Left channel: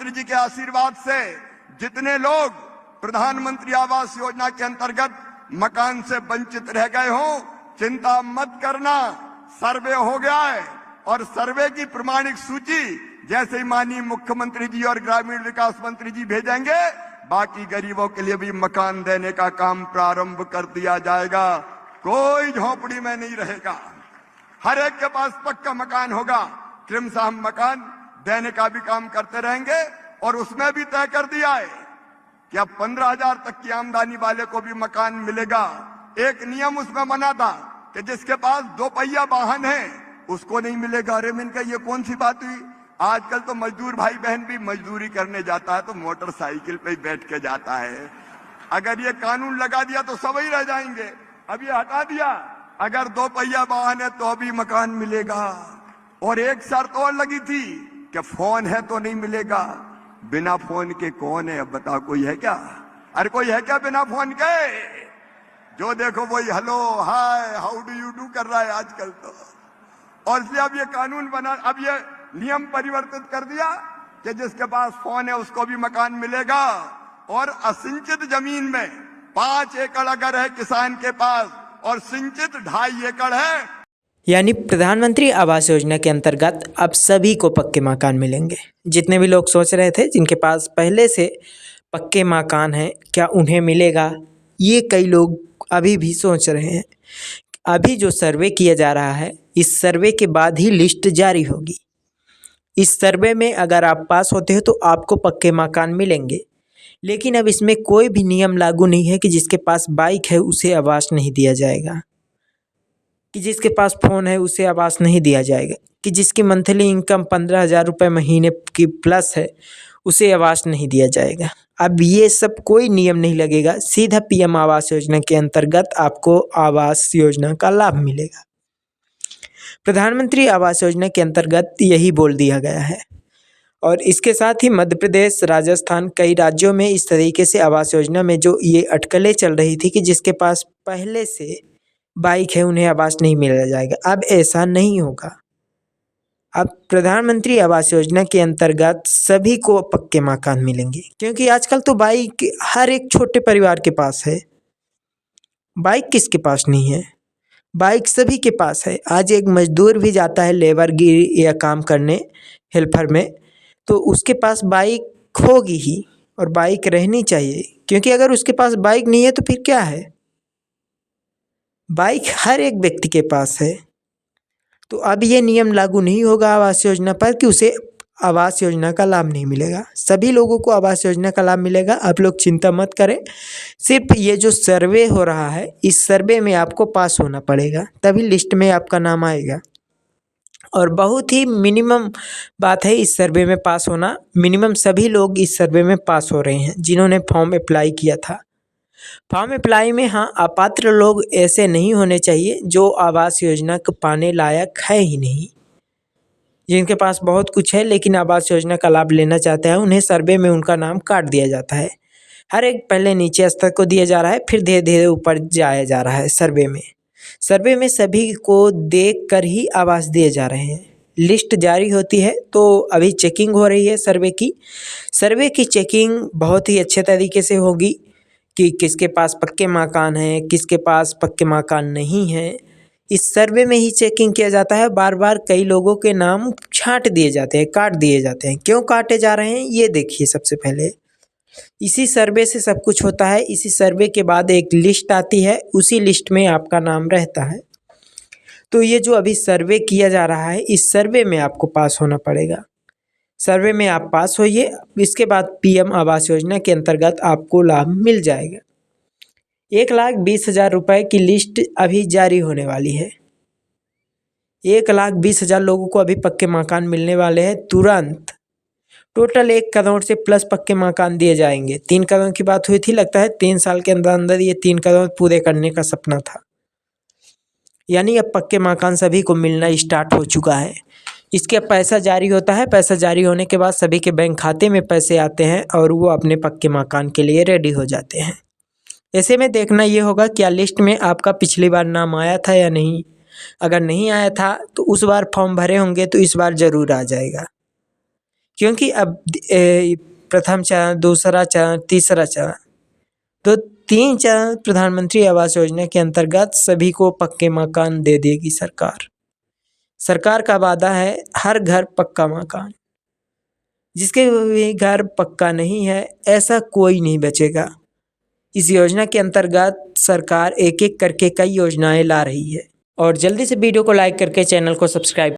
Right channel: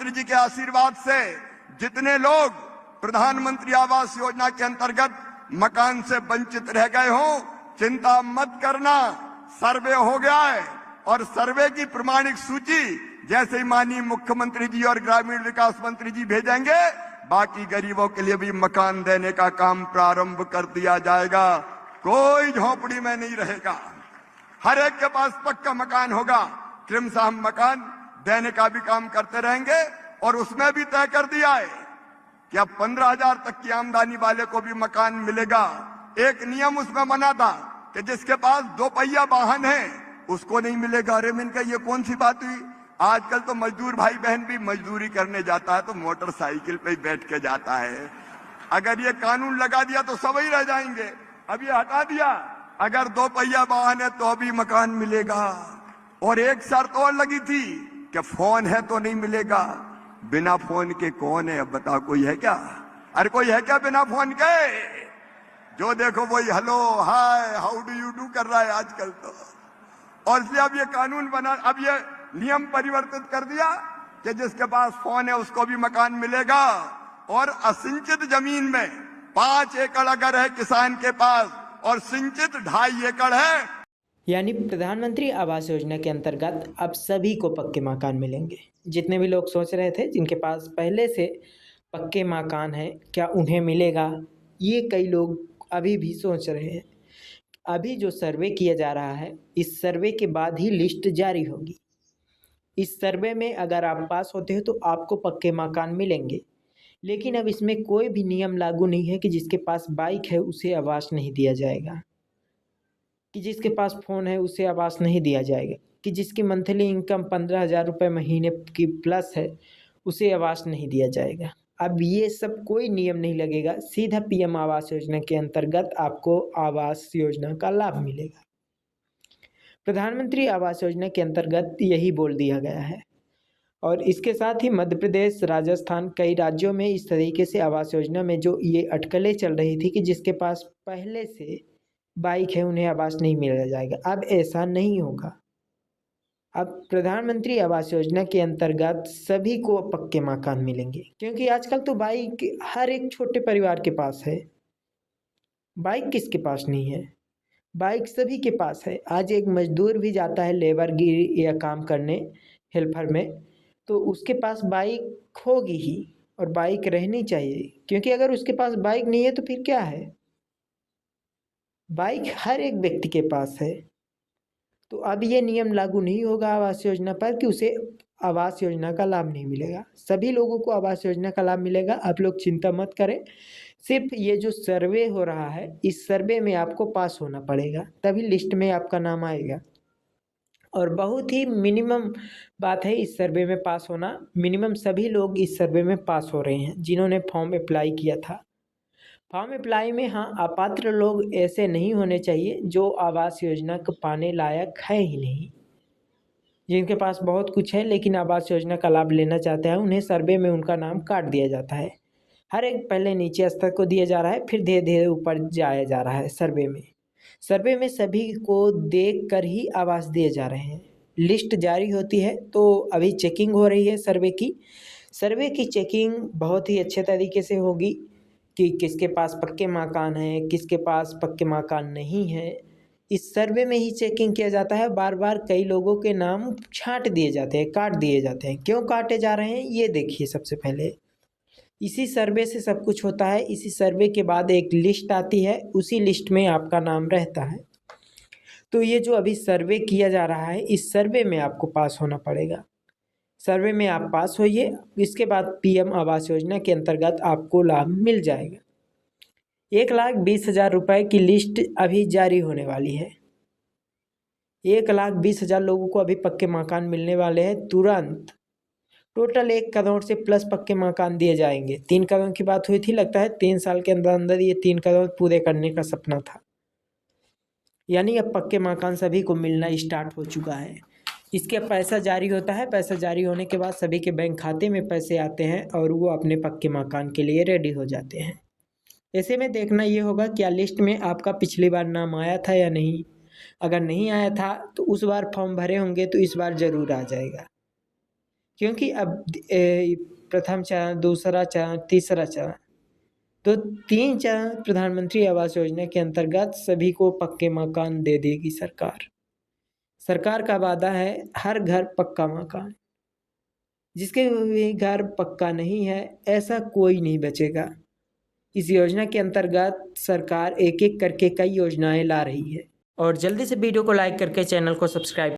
प्रधानमंत्री जी के आशीर्वाद से जितने लोग प्रधानमंत्री आवास योजना के अंतर्गत मकान से वंचित रह गए हो, चिंता मत करना, सर्वे हो गया है और सर्वे की प्रमाणिक सूची जैसे ही माननीय मुख्यमंत्री जी और ग्रामीण विकास मंत्री जी भेजेंगे, बाकी गरीबों के लिए भी मकान देने का काम प्रारंभ कर दिया जाएगा। कोई झोपड़ी में नहीं रहेगा, हर एक के पास पक्का मकान होगा। क्रमशः मकान देने का भी काम करते रहेंगे और उसमें भी तय कर दिया है कि अब 15,000 तक की आमदनी वाले को भी मकान मिलेगा। एक नियम उसमें बना था कि जिसके पास 2 पहिया वाहन है उसको नहीं मिलेगा। अरे मैंने कहा ये कौन सी बात हुई? आजकल तो मजदूर भाई बहन भी मजदूरी करने जाता है तो मोटरसाइकिल पे ही बैठ के जाता है। अगर ये कानून लगा दिया तो सब ही रह जाएंगे। अब ये हटा दिया, अगर 2 पहिया वाहन है तो भी मकान मिलेगा। और एक शर्त और लगी थी कि फोन है तो नहीं मिलेगा। बिना फोन के कौन है? अब बताओ, कोई है क्या? अरे कोई है क्या बिना फोन के? जो देखो वही hello hi how do you do कर रहा है आजकल तो। और इसलिए अब ये कानून बना, अब ये नियम परिवर्तित कर दिया कि जिसके पास फोन है उसको भी मकान मिलेगा। और असिंचित जमीन में 5 एकड़ अगर है किसान के पास और सिंचित 2.5 एकड़ है, यानी प्रधानमंत्री आवास योजना के अंतर्गत अब सभी को पक्के मकान मिलेंगे। जितने भी लोग सोच रहे थे जिनके पास पहले से पक्के मकान हैं क्या उन्हें मिलेगा, ये कई लोग अभी भी सोच रहे हैं। अभी जो सर्वे किया जा रहा है, इस सर्वे के बाद ही लिस्ट जारी होगी। इस सर्वे में अगर आप पास होते हो तो आपको पक्के मकान मिलेंगे। लेकिन अब इसमें कोई भी नियम लागू नहीं है कि जिसके पास बाइक है उसे आवास नहीं दिया जाएगा, कि जिसके पास फ़ोन है उसे आवास नहीं दिया जाएगा, कि जिसकी मंथली इनकम 15,000 रुपये महीने की प्लस है उसे आवास नहीं दिया जाएगा। अब ये सब कोई नियम नहीं लगेगा, सीधा पीएम आवास योजना के अंतर्गत आपको आवास योजना का लाभ मिलेगा। प्रधानमंत्री आवास योजना के अंतर्गत यही बोल दिया गया है। और इसके साथ ही मध्य प्रदेश, राजस्थान, कई राज्यों में इस तरीके से आवास योजना में जो ये अटकलें चल रही थी कि जिसके पास पहले से बाइक है उन्हें आवास नहीं मिला जाएगा, अब ऐसा नहीं होगा। अब प्रधानमंत्री आवास योजना के अंतर्गत सभी को पक्के मकान मिलेंगे, क्योंकि आजकल तो बाइक हर एक छोटे परिवार के पास है। बाइक किसके पास नहीं है? बाइक सभी के पास है। आज एक मजदूर भी जाता है लेबर गिरी या काम करने हेल्पर में, तो उसके पास बाइक होगी ही और बाइक रहनी चाहिए, क्योंकि अगर उसके पास बाइक नहीं है तो फिर क्या है? बाइक हर एक व्यक्ति के पास है। तो अब ये नियम लागू नहीं होगा आवास योजना पर कि उसे आवास योजना का लाभ नहीं मिलेगा। सभी लोगों को आवास योजना का लाभ मिलेगा। आप लोग चिंता मत करें। सिर्फ ये जो सर्वे हो रहा है, इस सर्वे में आपको पास होना पड़ेगा, तभी लिस्ट में आपका नाम आएगा। और बहुत ही मिनिमम बात है इस सर्वे में पास होना। मिनिमम सभी लोग इस सर्वे में पास हो रहे हैं जिन्होंने फॉर्म अप्लाई किया था। फॉर्म अप्लाई में हाँ, अपात्र लोग ऐसे नहीं होने चाहिए जो आवास योजना को पाने लायक है ही नहीं। जिनके पास बहुत कुछ है लेकिन आवास योजना का लाभ लेना चाहते हैं, उन्हें सर्वे में उनका नाम काट दिया जाता है। हर एक पहले नीचे स्तर को दिया जा रहा है, फिर धीरे धीरे ऊपर जाया जा रहा है सर्वे में। सर्वे में सभी को देख कर ही आवास दिए जा रहे हैं। लिस्ट जारी होती है तो अभी चेकिंग हो रही है सर्वे की। सर्वे की चेकिंग बहुत ही अच्छे तरीके से होगी कि किसके पास पक्के मकान हैं, किसके पास पक्के मकान नहीं हैं। इस सर्वे में ही चेकिंग किया जाता है। बार बार कई लोगों के नाम छांट दिए जाते हैं, काट दिए जाते हैं। क्यों काटे जा रहे हैं ये देखिए। सबसे पहले इसी सर्वे से सब कुछ होता है। इसी सर्वे के बाद एक लिस्ट आती है, उसी लिस्ट में आपका नाम रहता है। तो ये जो अभी सर्वे किया जा रहा है, इस सर्वे में आपको पास होना पड़ेगा। सर्वे में आप पास होइए, इसके बाद पीएम आवास योजना के अंतर्गत आपको लाभ मिल जाएगा। 1,20,000 रुपये की लिस्ट अभी जारी होने वाली है। 1,20,000 लोगों को अभी पक्के मकान मिलने वाले हैं तुरंत। टोटल 1 करोड़ से प्लस पक्के मकान दिए जाएंगे। 3 करोड़ की बात हुई थी, लगता है 3 साल के अंदर अंदर ये 3 करोड़ पूरे करने का सपना था। यानी अब पक्के मकान सभी को मिलना स्टार्ट हो चुका है। इसके पैसा जारी होता है, पैसा जारी होने के बाद सभी के बैंक खाते में पैसे आते हैं और वो अपने पक्के मकान के लिए रेडी हो जाते हैं। ऐसे में देखना ये होगा क्या लिस्ट में आपका पिछली बार नाम आया था या नहीं। अगर नहीं आया था तो उस बार फॉर्म भरे होंगे तो इस बार ज़रूर आ जाएगा, क्योंकि अब प्रथम चरण, दूसरा चरण, तीसरा चरण, तो 3 चरण प्रधानमंत्री आवास योजना के अंतर्गत सभी को पक्के मकान दे देगी सरकार। सरकार का वादा है हर घर पक्का मकान। जिसके भी घर पक्का नहीं है ऐसा कोई नहीं बचेगा। इस योजना के अंतर्गत सरकार एक एक करके कई योजनाएं ला रही है। और जल्दी से वीडियो को लाइक करके चैनल को सब्सक्राइब